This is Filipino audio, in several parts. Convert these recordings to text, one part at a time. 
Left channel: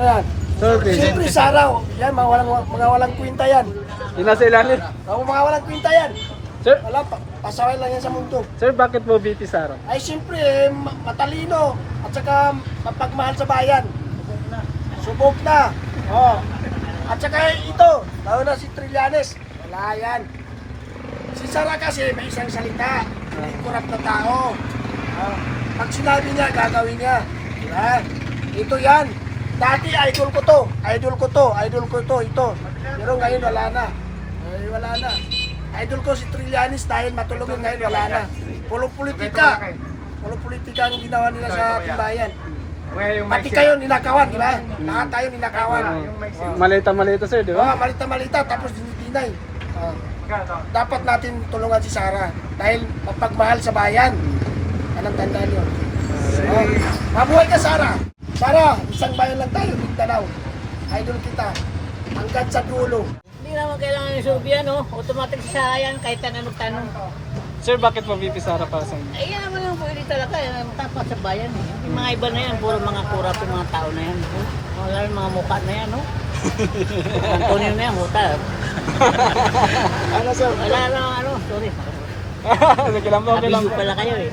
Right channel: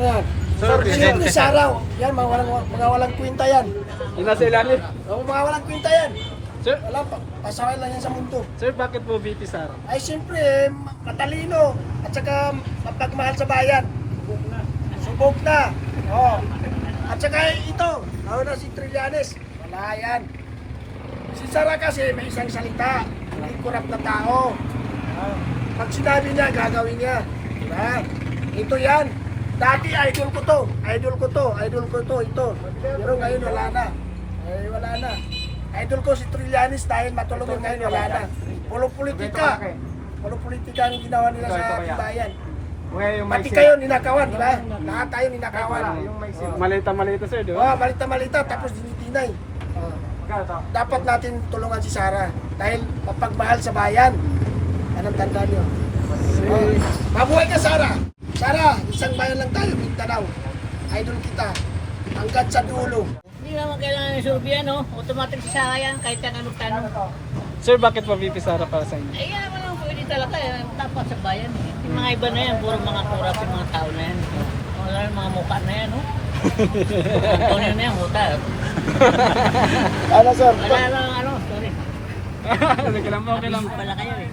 Ano yan? Siyempre Sara, yan, mga walang kwenta yan. Yung nasa ilalim. Mga walang kwenta yan. Sir, Wala, pasaway lang yan sa mundo. sir, bakit po VP Sara? Ay siyempre, matalino at saka mapagmahal sa bayan. Subok na. Oh. At saka ito, lalo na si Trillanes. Wala yan. Si Sara kasi may isang salita, hindi kurap na tao. Pag sinabi niya, gagawin niya. Diba? Ito yan. Dati idol ko to, idol ko to, idol ko to, ito. Pero ngayon wala na. Ay, wala na. Idol ko si Trillanes dahil matulungin, ngayon wala na. Puro politika. Puro politika ang ginawa nila sa timbayan. Pati kayo ninakawan, di ba? Lahat tayo ninakawan. Malita-malita sir, di Oh, ba? malita-malita tapos dinipinay. Oh. Dapat natin tulungan si Sara dahil mapagmahal sa bayan. Yan ang tanda niyo. Oh. Mabuhay ka, Sara! Sara, isang bayan lang tayo, Mindanao. Idol kita. Hanggang sa dulo. Hindi naman kailangan yung survey, no? Automatic sa yan, kahit anong tanong. Sir, bakit po VP Sara para sa inyo? Ay, yan naman ang pwede talaga. Yan, tapat sa bayan, eh. Yung mga iba na yan, puro mga kurap yung mga tao na yan. Wala yung mga mukha na yan, no? Antonio na yan, muta. Ano, sir? Wala lang, ano, sorry. Okay lang po, okay lang. Abiso pala kayo, eh.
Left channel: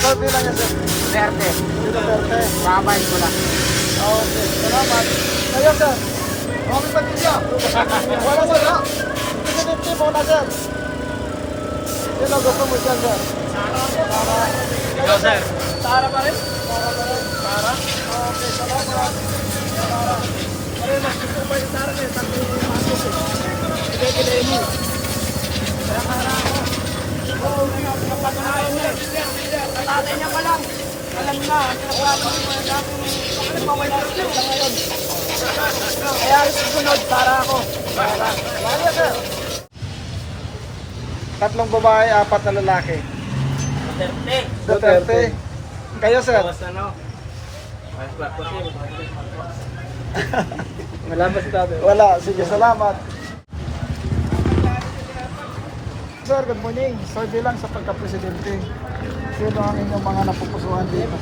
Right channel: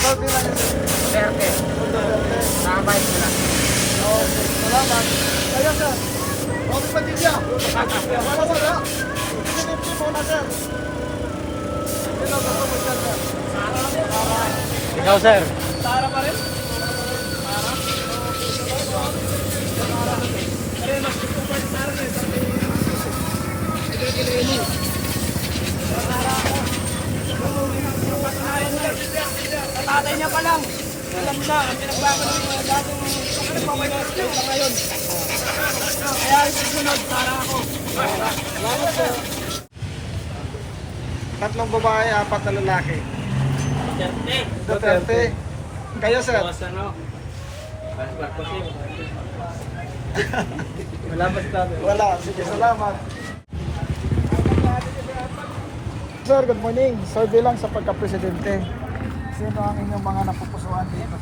Sir, di lang yan, sir. Verde. Duterte. Makabayad ko lang. Okay, salamat. Kayo, sir. Robin Padilla. Wala, sir, ha? 50-50 muna, sir. Sino gusto mo dyan, sir? Sara. Ikaw, sir. Sara pa rin? Sara pa rin. Sara? Okay, salamat. Sara. Pero mas gusto pa yung Sara, sa Sige, Kileni. Kaya Sara ako. Oo, may napatunayan niya. Sa tatay niya pa lang. Alam na, ang pinagbago ng mga dating pumawala sa ngayon. Kaya susunod, Sara ako. Sara. Kaya, sir. Tatlong babae, 4 na lalaki. Duterte. Duterte. Kayo, sir. Tapos ano? Malabas kami. Wala. Sige, salamat. Sir, good morning. Survey lang sa pagka-presidente. Sino ang inyong mga napupusuhan dito?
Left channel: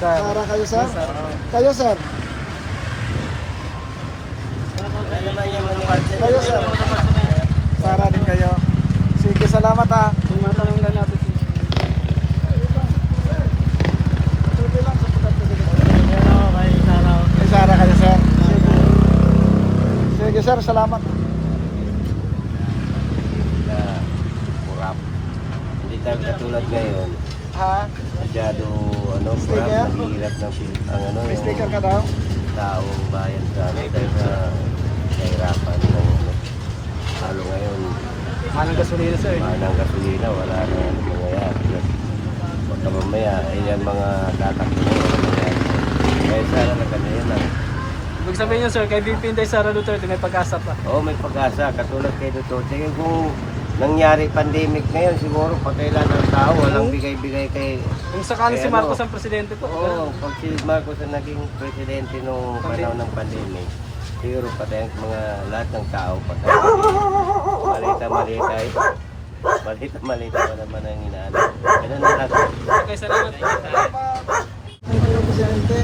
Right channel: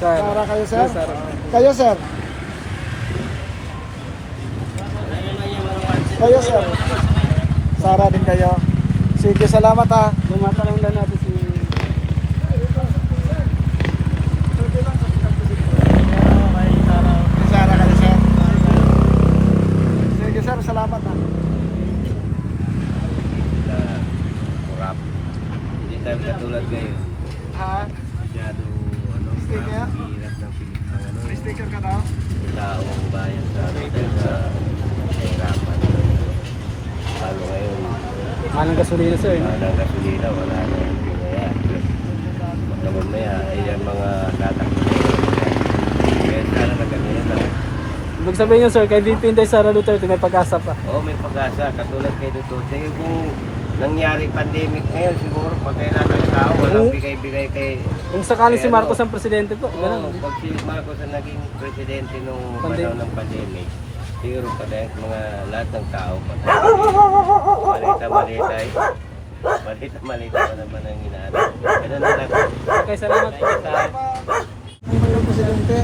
Sara kayo, sir? Sara. Kayo, sir? Wala naman yung mga Kayo, sir? Sara din kayo. Sige, salamat ha. Tumatanong lang natin si... Sara kayo, sir? Sige, sir. Salamat ha. Na kurap. Hindi tayo katulad ngayon. Ha? Masyado kurap, Sticker? mahirap ng ang Sticker ka yung daw? taong bayan sa amin. Kaya nahirapan. Lalo ngayon, Maling gasolina sir. malang gasolina, wala na yung mangyayari. Baka mamaya, ayan mga tatakbo na yun. Kaya sana na ganyan lang. Ibig sabihin nyo sir, kay VP Inday Sara Duterte may pag-asa pa. Oo, may pag-asa. Katulad kay Duterte. Kung nangyari pandemic ngayon, siguro patailan ng tao. Walang bigay-bigay kay... Kung sakali si Marcos ang presidente to. Oo, pag si Marcos ang naging presidente nung panahon ng pandemic, siguro patayin mga lahat ng tao. Malita-malita eh. Malita-malita pa naman ang hinahanap. Ganun na lang. Okay, salamat. Hello, Presidente.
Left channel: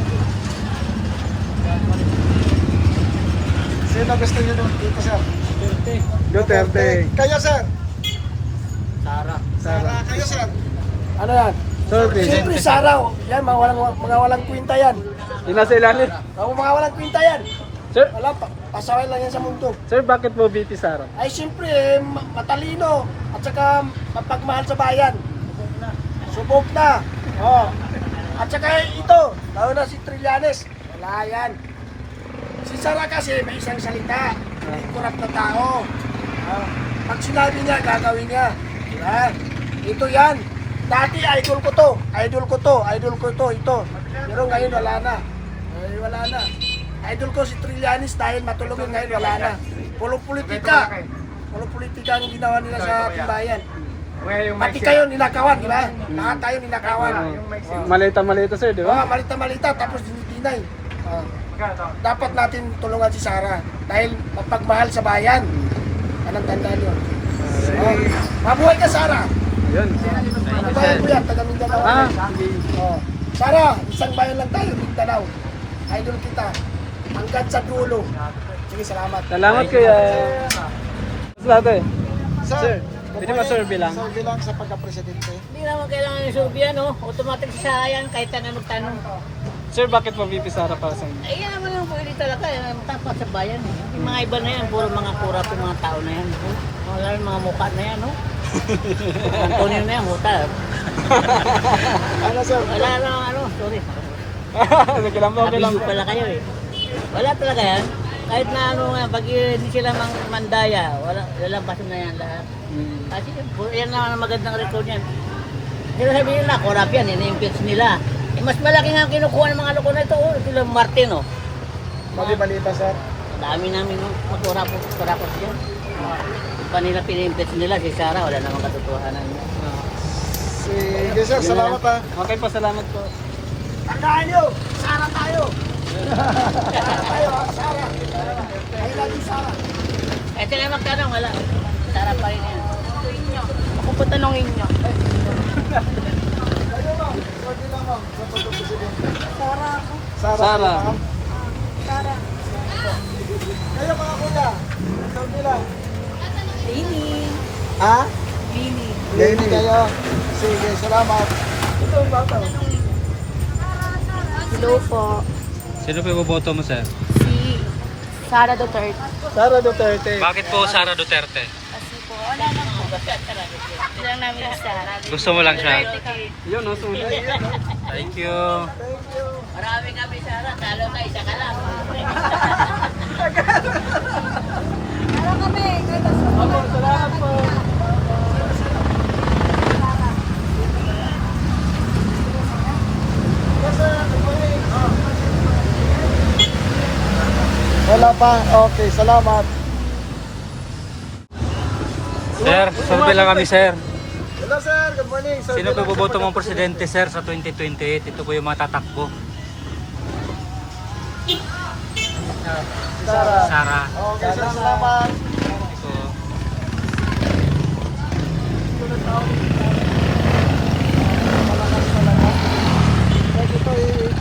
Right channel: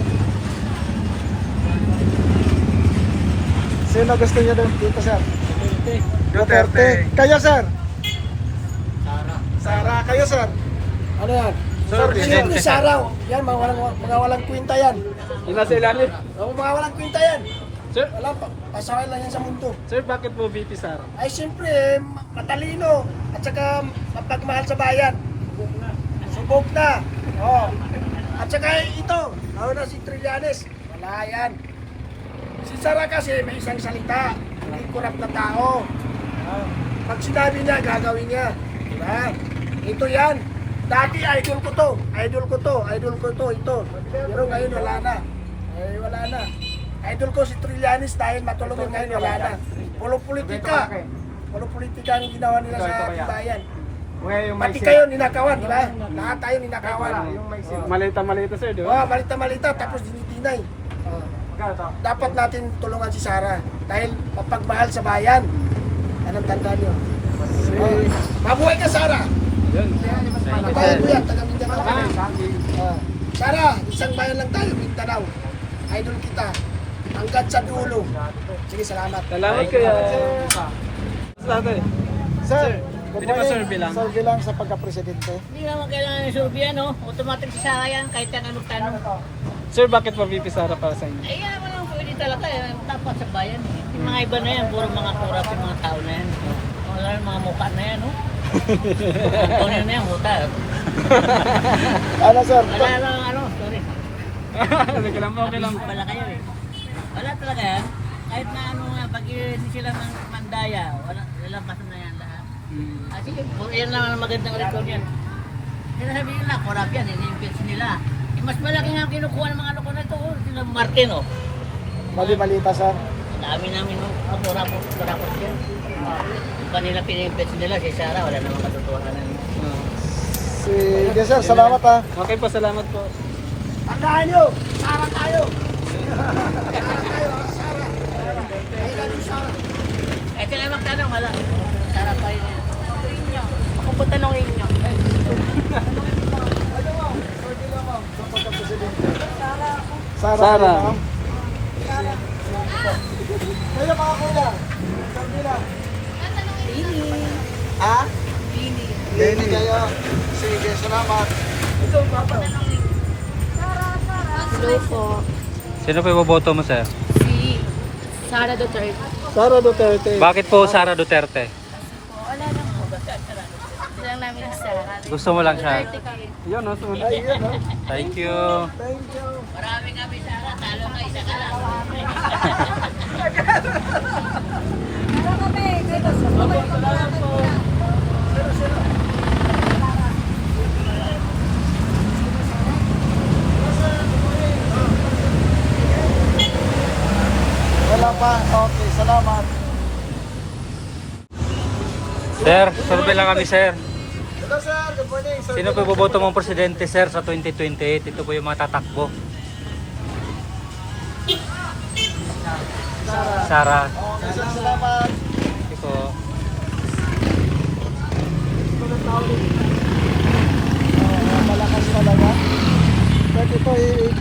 Sino gusto niyo doon dito, sir? Duterte. Duterte. Kayo, sir? Sara. Sara, kayo, sir? Ano yan? Sir, Siyempre, Sara. Yan, mga walang kwenta yan. Yung nasa ilalim. Mga walang kwenta yan. Sir, Wala, pasaway lang yan sa mundo. sir, bakit po VP Sara? Ay, siyempre, matalino at saka mapagmahal sa bayan. Subok na. Oh. At saka ito, lalo na si Trillanes. Wala yan. Si Sara kasi may isang salita, hindi kurap na tao. Pag sinabi niya, gagawin niya. Diba? Ito yan. Dati idol ko to, idol ko to, idol ko to, ito. Pero ngayon wala na. Ay, wala na. Idol ko si Trillanes dahil matulungin, ngayon wala na. Puro politika. Puro politika ang ginawa nila sa timbayan. Pati kayo ninakawan, di ba? Lahat tayo ninakawan. Malita-malita sir, di Oh, ba? malita-malita tapos dinipinay. Oh. Dapat natin tulungan si Sara dahil mapagmahal sa bayan. Yan ang tanda niyo. Oh. Mabuhay ka, Sara! Yun. bayan ko yan, taga Mindanao. Oh. Sara, isang bayan lang tayo, Mindanao. Idol kita. Hanggat sa dulo. Sige, salamat. Salamat kuya. Salamat. Sir, Pwede ka survey lang. survey lang sa pagka-presidente. Hindi naman kailangan yung survey yan, no? Automatic sa yan, kahit na magtanong. Sir, bakit po VP Sara para sa inyo? Ay, yan naman ang pwede talaga, yung tapat sa bayan. Eh. Yung mga iba na yan, puro mga kurap yung mga tao na yan. Wala yung mga mukha na yan, no? Antonio na yan, huta. Ano, sir? Wala lang, sorry. Okay lang po, okay lang Abiso po. pala kayo eh. Wala talaga yan. Kahit na ano nga, pag hindi sila mandaya, lalampasan na yan lahat. Kasi yan lang ang magandang record yan. Sila sabihin nila, korap yan, ini-impeach nila. Eh, mas malaki nga ang kinukuha ng mga loko na ito, sila Martin, oh. Mali pa, sir. Dami namin makurapos yan. Yung pa nila pini-impeach nila, si Sarah, wala namang katotohanan. Sige, sir. Salamat, ha. Okay po, salamat po. Tandaan nyo, Sara tayo. Sara tayo, ha? Sara. I love you, Sara. Eh, sila yung magtanong, wala. Sarah pa rin yan. Ako po tanongin nyo. Survey lang, ma'am, sa pagka-presidente. Sara. Sara. ma'am. Kayo, mga kuya. Survey lang. Lini. Ha? Lini. Lenny kayo. Sige, salamat. Ito, bata. Hello po. Sino po iboboto mo, sir? Si Sara Duterte. Sara Duterte. Bakit po Sara Duterte? Kasi po, wala lang po. Gusto lang namin isa. Gusto mo lang siya? Duterte kami. Yun, no? Thank you. Marami kami, Sarah. Talo ka, isa ka lang. Wala pa. Okay, salamat. Sir, survey lang kami, sir. Hello, sir. Good morning. Sino po iboboto mong presidente, sir, sa 2028? Ito po yung mga tatakbo. Sara. Okay, sir. Salamat. Ito. Ito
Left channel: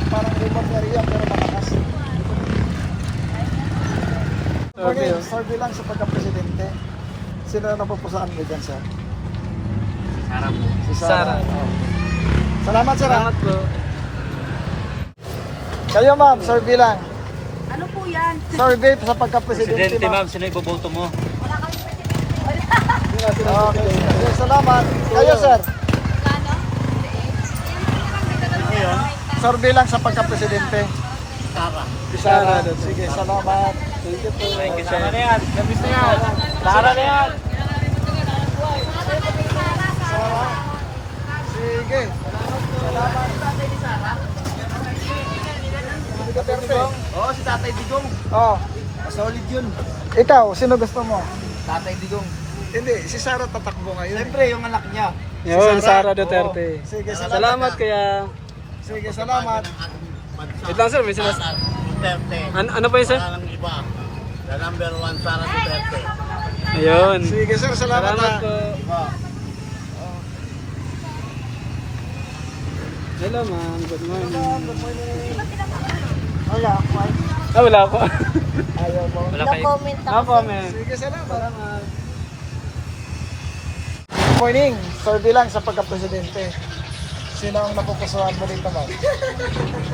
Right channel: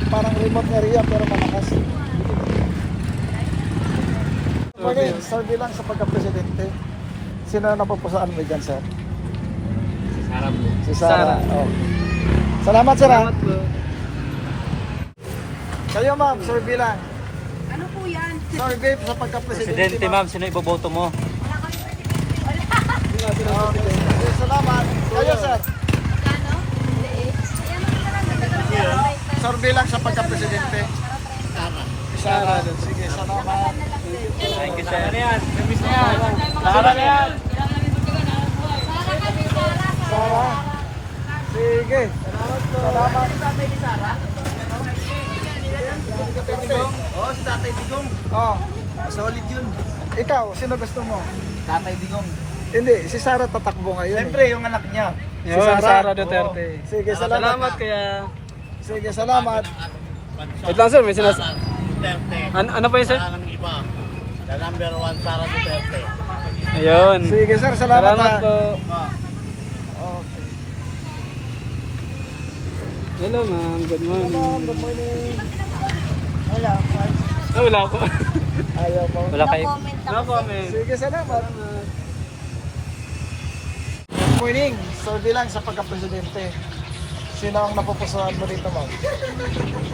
parang remote area pero malakas. Survey lang sa pagka-presidente. Sino na napupusaan mo dyan, sir? Sara po. Si Sara. Oh. Salamat, sir. Salamat po. Kayo, ma'am, survey lang. Ano po yan? Survey sa pagka-presidente, Presidente, ma'am, sino iboboto mo? Okay. Okay, salamat. Kayo, sir. Survey lang sa pagka-presidente. Sarah. Si Sara. Sige, salamat. Thank you, sir. Sara na yan. Sige. Oo, si Tatay Digong. Oh, Solid yun. ikaw, sino gusto mo? Tatay Digong. Hindi, si Sara tatakbo ngayon. Siyempre, yung anak niya. Yun, Sara Duterte. Sige, Salamat, kuya. Sige, salamat. Wait lang, sir. May sinas... Duterte. Ano po yun, sir? Ang iba. The number one, Sara Duterte. Ayun. Sige, sir, salamat. Salamat ha. po. Hello, ma'am. Good morning. Wala po. Ah, wala ako. Ayaw mo. Wala kayo. comment No comment. Sige, salamat. Good morning. Survey lang sa pagka-presidente. Sino ang napupusuan mo dito, ma'am?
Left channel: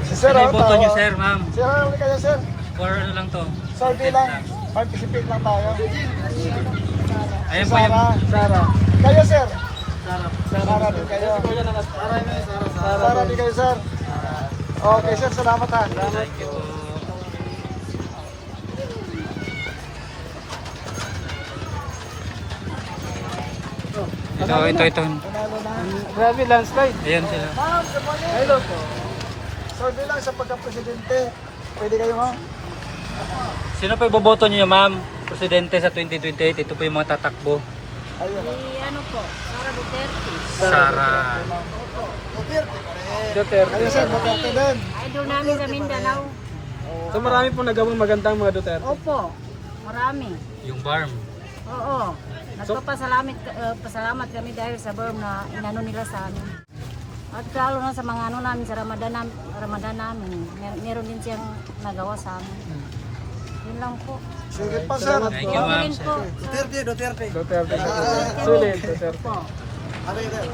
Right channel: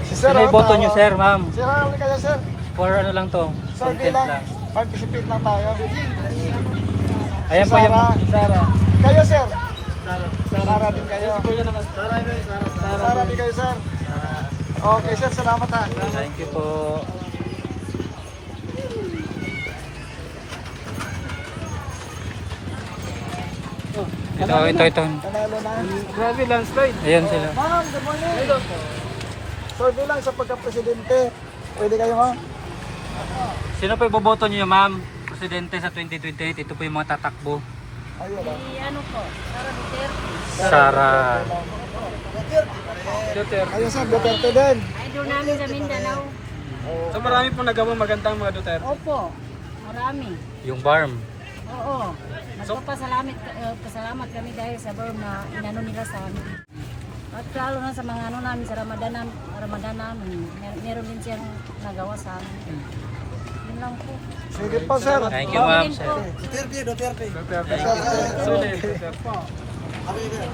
Si Sir, Sino oh, iboto tawa. niyo, sir, ma'am? Sir, ano kayo, sir? For ano lang to? Survey lang. Participate lang tayo. Ayan Si pa. Sara. Sara. Kayo, sir. Sara. Sara din kayo. Sara din kayo, sir. Okay, sir. Salamat, ha. Thank you po. Ito. Grabe landslide. Ayan sila. Hello po. Survey lang sa pagka-presidente. Pwede kayo, ma'am? Sino po iboboto niyo, ma'am? Presidente sa 2028. Ito po yung mga tatakbo. Si ano po? Sara Duterte. Sara. Duterte. Ayun, sir. Duterte din. Idol namin sa Mindanao. So marami pong nagawang magandang mga Duterte. Opo. Marami. Yung farm. Oo. Pasalamat kami dahil sa berm na inano nila sa amin. At lalo na sa mga ano namin sa Ramadan namin, meron din siyang nagawa sa amin. Yun lang po. Sige po, sir. Thank you, ma'am. Yun po. Duterte. Sulit. Ano yun?